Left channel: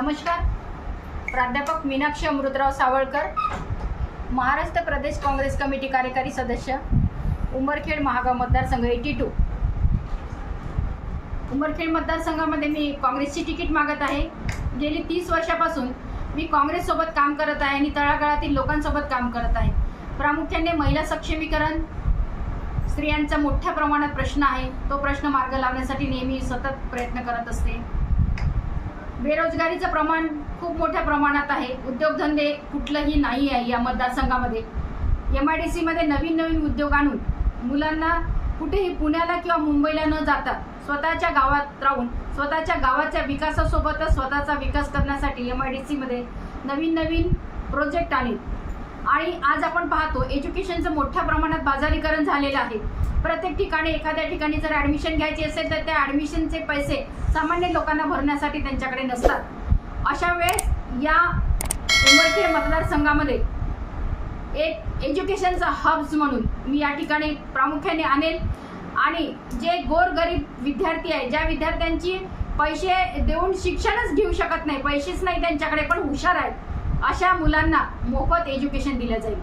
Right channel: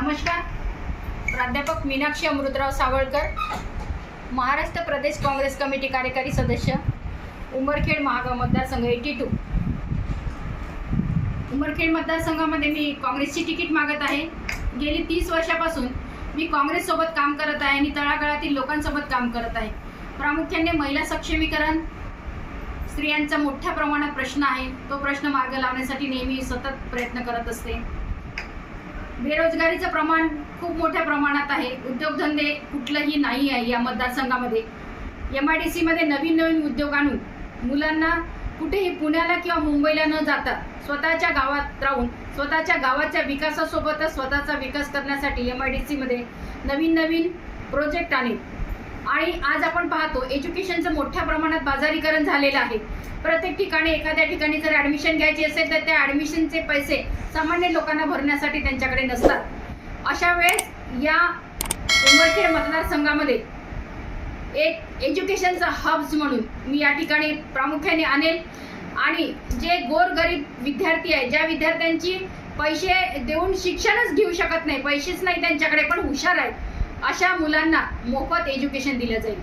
नमस्कार. प्राध्यापक मीनाक्षी अमृतराव सावळकर, महाराष्ट्र प्रदेश काँग्रेस कमिटी कार्यकारी सदस्य, उमरखेड महागाव मतदारसंघ 82. उमरखेड मतदारसंघामध्ये मी काँग्रेसची तिकीट मागत आहे. गेली 30 वर्षापासून मी काँग्रेससोबत काम करत आहे आणि तळागाळातील लोकांसोबत काम करत आहे. प्रामुख्याने महिला सक्षमीकरण, स्त्रियांचा मोठ्या प्रमाणात प्रश्न आहे, तो प्रश्न मार्ग लावण्यासाठी नेहमी सतत प्रयत्न करत असते. बेरोजगारीचं प्रमाण खूप मोठ्या प्रमाणात आहे. उद्योगधंदे कुठलंही नाही आहे या मतदारसंघामध्ये. MIDC मध्ये नवीन उद्योग आणून मुलांना कुठेही पुण्याला किंवा मुंबईला न जाता स्वतःच्या गावात राहून स्वतःच्या गावाच्या विकासासोबतच स्वतःचा विकास करण्यासाठी MIDC मध्ये नवीन प्रोजेक्ट आणले. आणि आज आपण पाहतो एज्युकेशनचं मोठ्या प्रमाणात बाजारीकरण झालेलं आहे. प्रत्येक ठिकाणी एखाद्या ठिकाणी जर ॲडमिशन घ्यायची असेल तर त्या ॲडमिशनचे पैसे सामान्य लोकांना भरण्यासाठी त्यांच्याकडे नसतात. अशा वेळेस या उमरखेड मतदारसंघामध्ये एक एज्युकेशनचा हब्स म्हणून मी या ठिकाणी प्रामुख्याने आणेल. आणि जे गोरगरीब विद्यार्थी आहे, ज्या विद्यार्थ्यांची पैसे देऊन शिक्षणच घेऊ शकत नाही, पैसेच नाही त्यांच्याकडे पण हुशार आहेत, अशा मुलांना मोफत एज्युकेशन दिलं जाईल.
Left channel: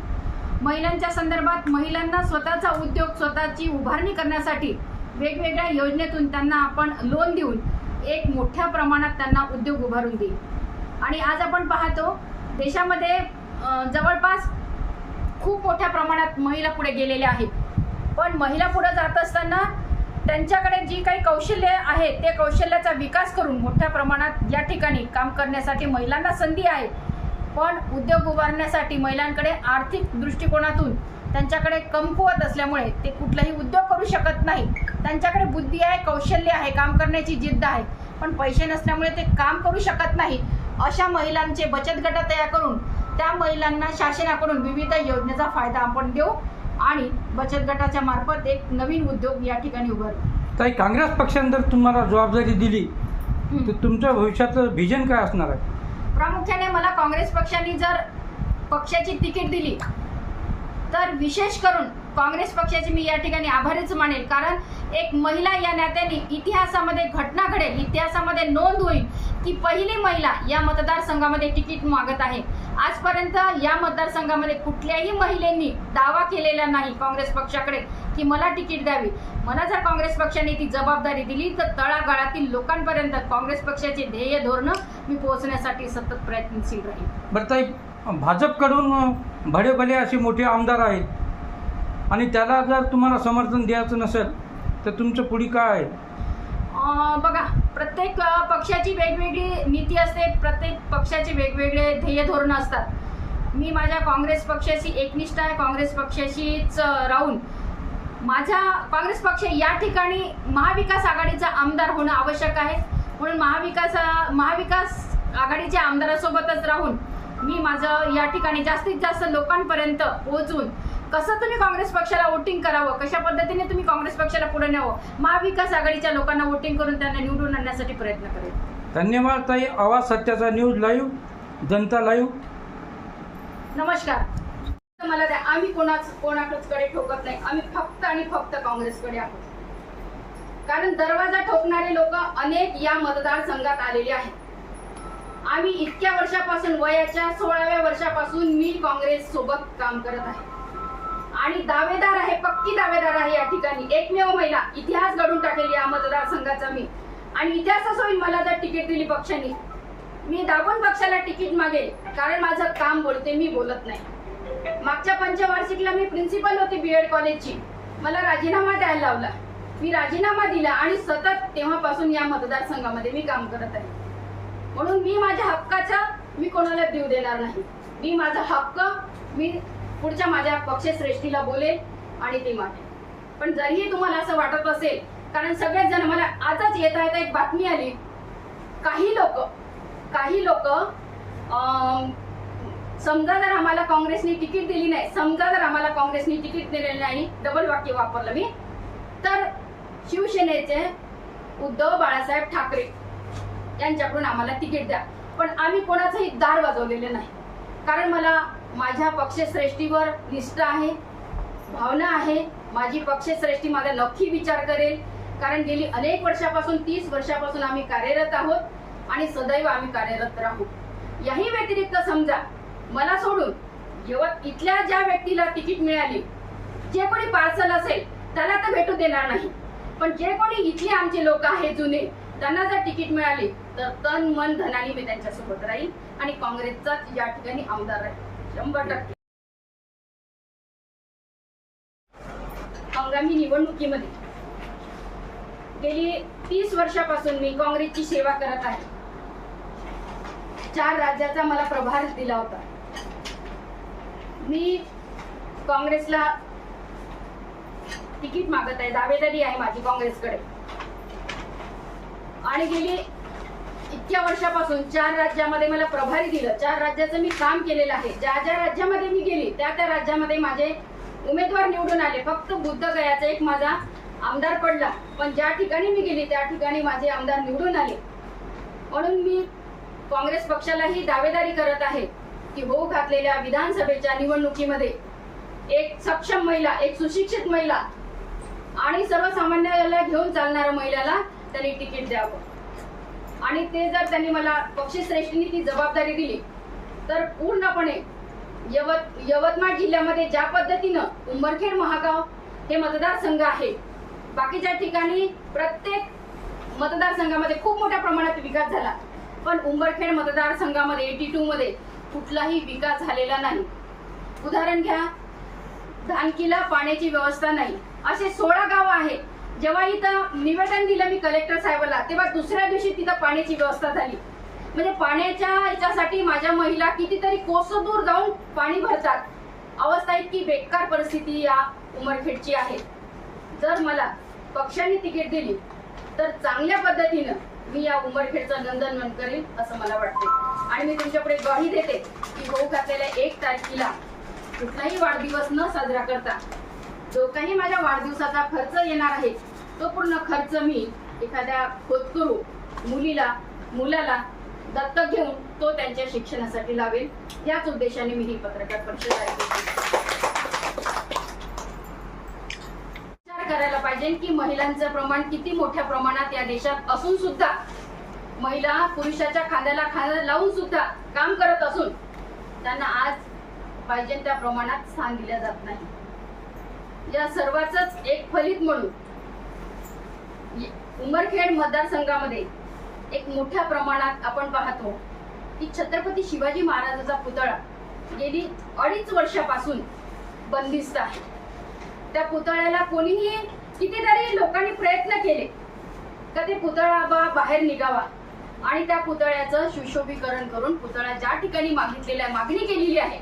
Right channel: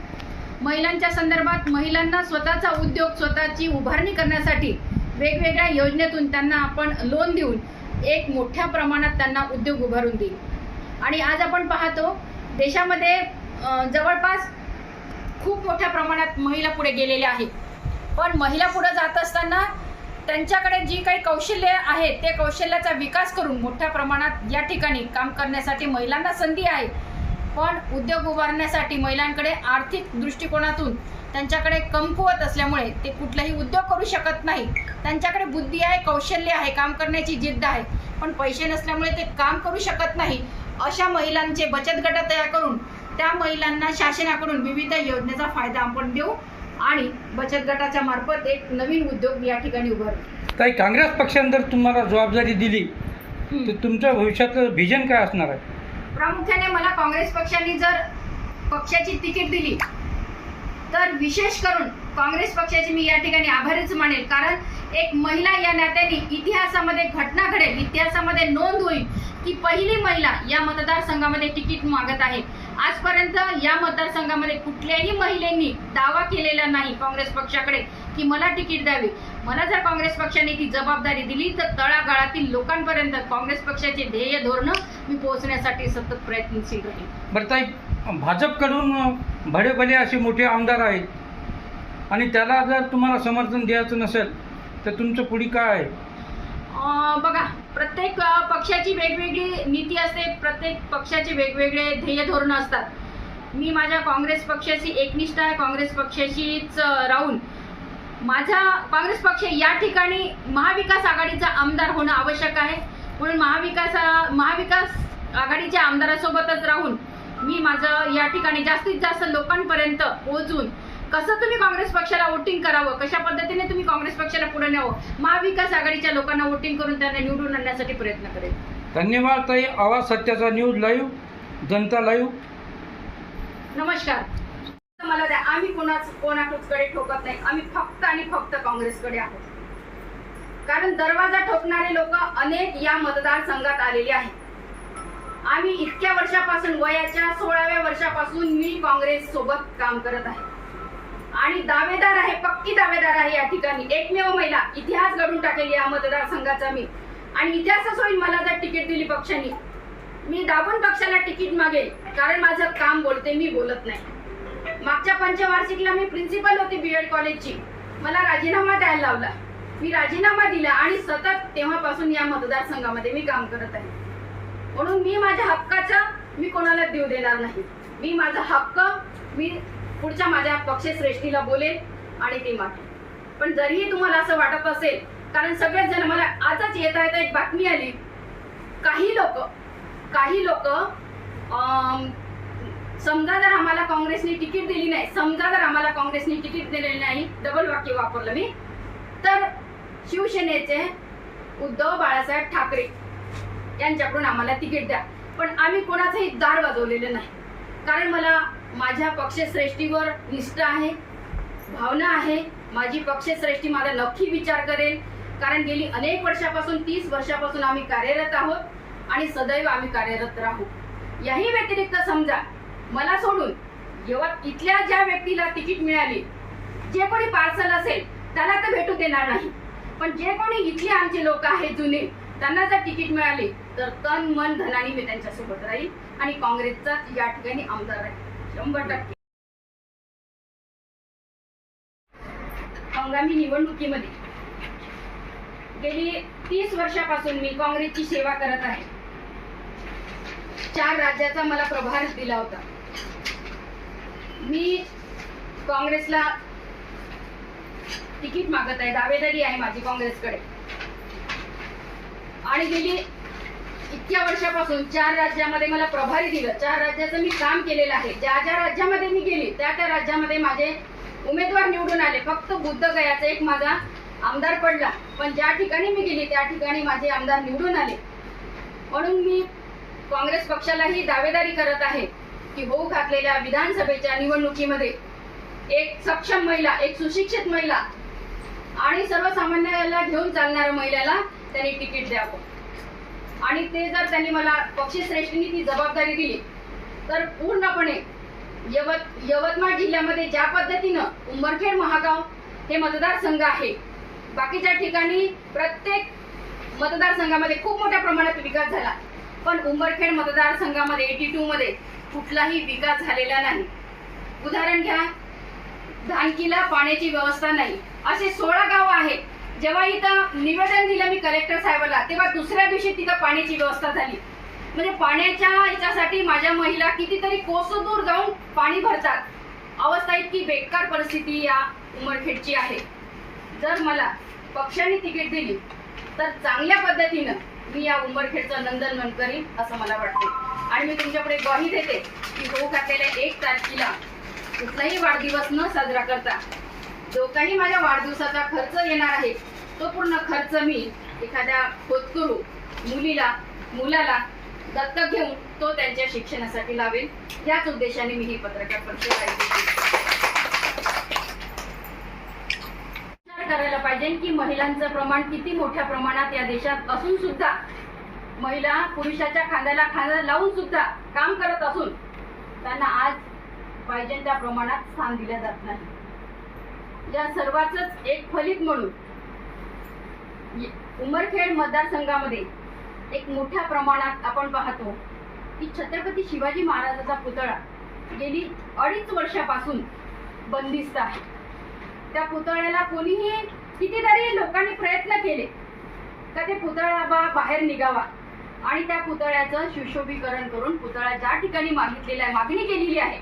महिलांच्या संदर्भात महिलांना स्वतःचा उद्योग, स्वतःची उभारणी करण्यासाठी वेगवेगळ्या योजनेतून त्यांना आपण लोन देऊन एक मोठ्या प्रमाणात त्यांना उद्योग उभारून देईल. आणि आज आपण पाहतो देशामध्ये जवळपास खूप मोठ्या प्रमाणात महिला पुढे गेलेल्या आहेत. पण महिला पुढे जात असताना त्यांच्याकडे जी काही कौशल्य आहे ते कौशल्याचा विकास करून मोठ्या प्रमाणात या ठिकाणी काम करण्यासाठी महिलांना संधी आहे. पण उद्योग उभारण्यासाठी महिलांकडे आर्थिक दृष्टिकोनातून त्यांच्याकडे कमकुवत असल्यामुळे ते कुठलाही उद्योग करू शकत नाही. त्यांच्याकडे बुद्धी आहे, कौशल्य आहे, काम करण्याची जिद्द आहे, पण पैसे नसल्यामुळे ते काम करू शकत नाही. अशा महिलांचे बचत गट तयार करून त्या महिलांना शासनाकडून विविध योजनेचा फायदा आपण देऊ आणि बचत गटाच्या मार्फत एक नवीन उद्योग या ठिकाणी उभारू. ताई, काँग्रेस पक्षाने जर तुम्हाला जबाबदारी दिली तर तुमच्या भविष्याचं व्हिजन काय असणार आहे? प्रामुख्याने मला काँग्रेस पक्षाने जर पक्षाची तिकीट दिली तर विशेष करून काँग्रेस पक्षाची मी या ठिकाणी आभारीच मानेल. कारण एक महिला या नात्याने इतिहासामध्ये घटना घडेल, इतिहासामध्ये नोंद होईल की पहिली महिला या मतदारसंघामध्ये तिकीट मागत आहे. आजपर्यंत या मतदारसंघामध्ये कुठल्याही महिलेंनी दावा केलेला नाही काँग्रेस पक्षाकडे की मला तिकीट द्यावी. मला जर काँग्रेस पक्षाने ती जबाबदारी दिली तर तळागाळातील लोकांपर्यंत काँग्रेस पक्षाचे ध्येय धोरणं मी पोहोचण्यासाठी सतत प्रयत्नशील राहील. बरं ताई, भाजपकडून भले असे मोठे आमदार आहेत आणि त्याला जर तुम्हाला समर्थन द्यायचं नसेल तर तुमचं पुढे काय आहे? बघा, प्रत्येक पक्षाची वेगवेगळी नीती असते, प्रत्येक पक्षाचे वेगवेगळे ध्येय धोरणं असतात. मी माझ्या काँग्रेस पक्षाशी एकनिष्ठ आहे. काँग्रेस पक्षाशीच राहून माझा काँग्रेस पक्ष या ठिकाणी महाविकास आघाडीचा आमदार होणं आवश्यक आहे. म्हणून महाविकास आघाडीच्या आमदारासोबतच राहून मी माझं या ठिकाणी जास्तीत जास्त लोकांपर्यंत पोहोचून कसं तुम्ही काँग्रेस पक्षाला वोटिंग करावं, कशा पद्धतीने तुम्ही काँग्रेस पक्षाला पुढे न्यावं, महाविकास आघाडीच्या लोकांना वोटिंग करून त्यांना निवडून आणण्यासाठी प्रयत्न करेल. धन्यवाद ताई. आवाज सत्याचा न्यूज लाईव्ह, जनता लाईव्ह. नमस्कार. मला द्या, आम्ही कोणाकडे ठोकत नाही. आम्ही फक्त आणि फक्त काँग्रेसकडे आहोत. कारण दरवाजा ठोकणारे लोक अनेक या मतदारसंघात आलेले आहेत. आम्ही इतक्या वर्षापासून, वयाच्या 16व्या वर्षापासून मी काँग्रेस सोबत काम करत आहे आणि दावेदार आहे, पक्की दावेदार आहे. या ठिकाणी एकमेव महिला, इतिहास घडून टाकेल या मतदारसंघाचा मी. आणि इतिहासच होईल मला जर तिकीट दिली पक्षाने. मी दाबून पक्षाला तिकीट मागेल, कारण माझं काम बोलते, मी बोलत नाही. मागच्या पंचवार्षिकला मी प्रिन्सिपल होती BEd कॉलेजची. मला राजीनामा द्यायला लावला. मी राजीनामा दिला आणि सतत तेव्हापासून या मतदारसंघामध्ये मी काम करत आहे. म्हणून मी माझ्या हक्काचा मी कोणाला देऊ देणार नाही. मी माझा हक्क मी पुढच्या माझ्या पक्षश्रेष्ठीला बोलेल आणि ते मागेल. पण जरीही तुम्हाला असं वाटत असेल, कारण सगळेच जण मला आजच येता एक बातमी आली, काही लोक समजा जर आम्हाला काँग्रेसने तिकीट दिली नाही, समजा जर आम्हाला काँग्रेसने तिकीट दिलेलं नाही, डबल वाक्य वापरलं मी, तर शिवसेनेचे उद्धव बाळासाहेब ठाकरे यांच्याकडून आम्हाला तिकीट द्या. पण आम्ही कोणाचंही दार वाजवलेलं नाही. कारण मला माझ्या पक्षश्रेष्ठीवर निष्ठा आहे, भावना आहे. माझी पक्षश्रेष्ठी माझा नक्की विचार करेल. कारण गेली अनेक वर्षापासून, 30 वर्षापासून आम्ही कार्यरत आहोत आणि सदैव आम्ही कार्यरत राहू. याही व्यतिरिक्त समजा मला सोडून इथल्या ज्या व्यक्तीला तिकीट मिळाली, जे कोणी पार्सल असेल त्याला तर भेटू देणार नाही, पण जे कोणी इथले आमचे लोक आहेत जुने, त्यांना जर तिकीट मिळाली तर तन मन धनाने मी त्यांच्यासोबत राहील आणि काँग्रेसचा या ठिकाणी आमदार राहील 100%. हंगामी निवडणुकीमध्ये गेली 30 वर्षापासून मी काँग्रेसची सेवा करत आहे. 4 राज्याचा मला प्रभार दिला होता. मी काँग्रेसला तिकीट मागत आहे, दावेदारी आहे माझी काँग्रेसकडे. आणि गेली इतक्या वर्षापासून 4 राज्यामध्ये मला प्रभारी दिलं. 4 राज्याचं मी काम केलेलं आहे. ज्या ज्या राज्यामध्ये मी गेली त्या राज्यामध्ये माझे उमेदवार निवडून आले. फक्त बुद्धगयाचा एक माझा आमदार पडला, पण ज्या ठिकाणी मी गेली त्या ठिकाणी माझे आमदार निवडून आले. म्हणून मी काँग्रेस पक्षालाही दावेदारी करत आहे की होऊ घातलेल्या विधानसभेच्या निवडणुकीमध्ये एक सक्षम महिला, एक सुशिक्षित महिला आणि सर्वसामान्याला घेऊन चालणाऱ्या महिलेला त्यांनी तिकीट द्यावं. आणि ते जर त्यांनी मला पक्षश्रेष्ठींनी ती जबाबदारी दिली तर पूर्णपणे यवतमाळ जिल्ह्यामध्ये ज्या पद्धतीनं उंबरखेड महागाव हे मतदारसंघ आहे, बाकीच्या ठिकाणी प्रत्येक मतदारसंघामध्ये खूप मोठ्या प्रमाणात विकास झाला, पण उंबरखेड मतदारसंघामध्ये 82 मध्ये कुठलाही विकास झालेला नाही. उदाहरण घ्या, धानकीला पाण्याची व्यवस्था नाही. असे 16 गाव आहेत. जेव्हा इथं निवेदन दिलं मी कलेक्टर साहेबांना, तेव्हा दुसऱ्या दिवशी तिथं पाण्याची व्यवस्था झाली. म्हणजे पाण्याच्या याच्यासाठी माझ्या महिला कितीतरी कोसो दूर जाऊन पाणी भरतात. अवस्था इतकी बेकार परिस्थिती या उमरखेडची आहे. जर मला पक्षाने तिकीट दिली तर चांगल्या पद्धतीनं मी या उमरखेडचं नंदनवन करीन असं मला वाटते. आणि मी तुमच्याकडे ग्वाही देते की होऊ घातलेल्या 1 तारखेला कुठलाही वाढदिवस न साजरा करता जो काही माझ्या वाढदिवसाचा खर्च येणार आहे तो पूर्ण खर्च मी एखाद्या होतकरू मुलाला दत्तक घेऊन तो त्यांच्या शिक्षणासाठी लावेल. याच उद्देशाने मी ही पत्रकार परिषद करायला पाहिजे की महिलांचं प्रमाण किती मोठ्या प्रमाणात या देशात असून सुद्धा, महिला पुरुषाच्या खांद्याला खांदा लावून सुद्धा काम करत असून त्यांना आज पाहिजे त्या प्रमाणात स्थान दिले जात नाही. या सर्वांचंच एक फलित म्हणून उमरखेड मतदारसंघामध्ये एक मोठ्या प्रमाणात आपण पाहतो की छत्रपती शिवाजी महाराजांचा पुतळा गेली 2.5 वर्षापासून बंदिस्त आहे. त्या पुतळ्याला कोणीही कितीतरी लोकांनी प्रयत्न केले का ते पुतळा बाहेर निघावा आणि त्या पुतळ्याचं सुशोभीकरण करून पुतळा ज्या ठिकाणी मागणी केलेली आहे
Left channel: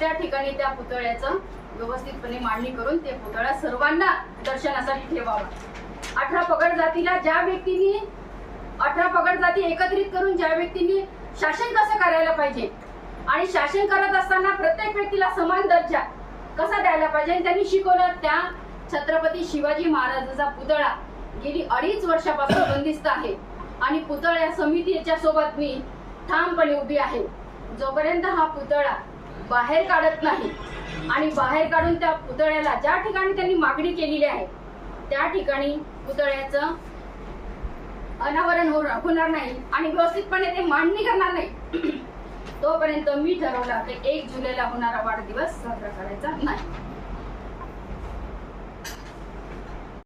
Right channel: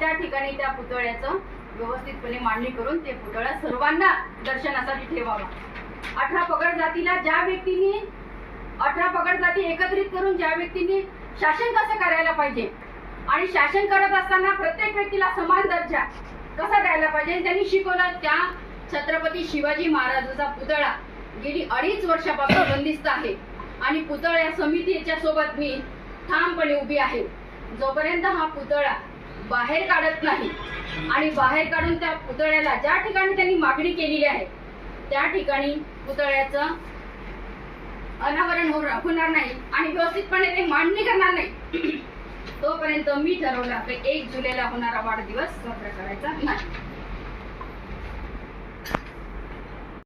त्या ठिकाणी त्या पुतळ्याचं व्यवस्थितपणे मांडणी करून ते पुतळा सर्वांना दर्शनासाठी ठेवावा. 18 पगड जातीला ज्या व्यक्तींनी 18 पगड जाती एकत्रित करून ज्या व्यक्तींनी शासन कसं करायला पाहिजे आणि शासन करत असताना प्रत्येक व्यक्तीला समान दर्जा कसा द्यायला पाहिजे त्यांनी शिकवलं. त्या छत्रपती शिवाजी महाराजांचा पुतळा गेली 2.5 वर्षापासून बंदिस्त आहे आणि पुतळ्या समितीच्या सोबत मी ठामपणे उभी आहे. जोपर्यंत हा पुतळा बाहेर काढत नाही आणि बाहेर काढून त्या पुतळ्याला ज्या ठिकाणी त्यांनी मागणी केलेली आहे त्या ठिकाणी पुतळ्याचं अनावरण होणार नाही आणि व्यवस्थितपणे ते मांडणी करणार नाही तोपर्यंत मी ठरवलं की 1 जुलैला होणारा वाढदिवस साजरा करायचा नाही.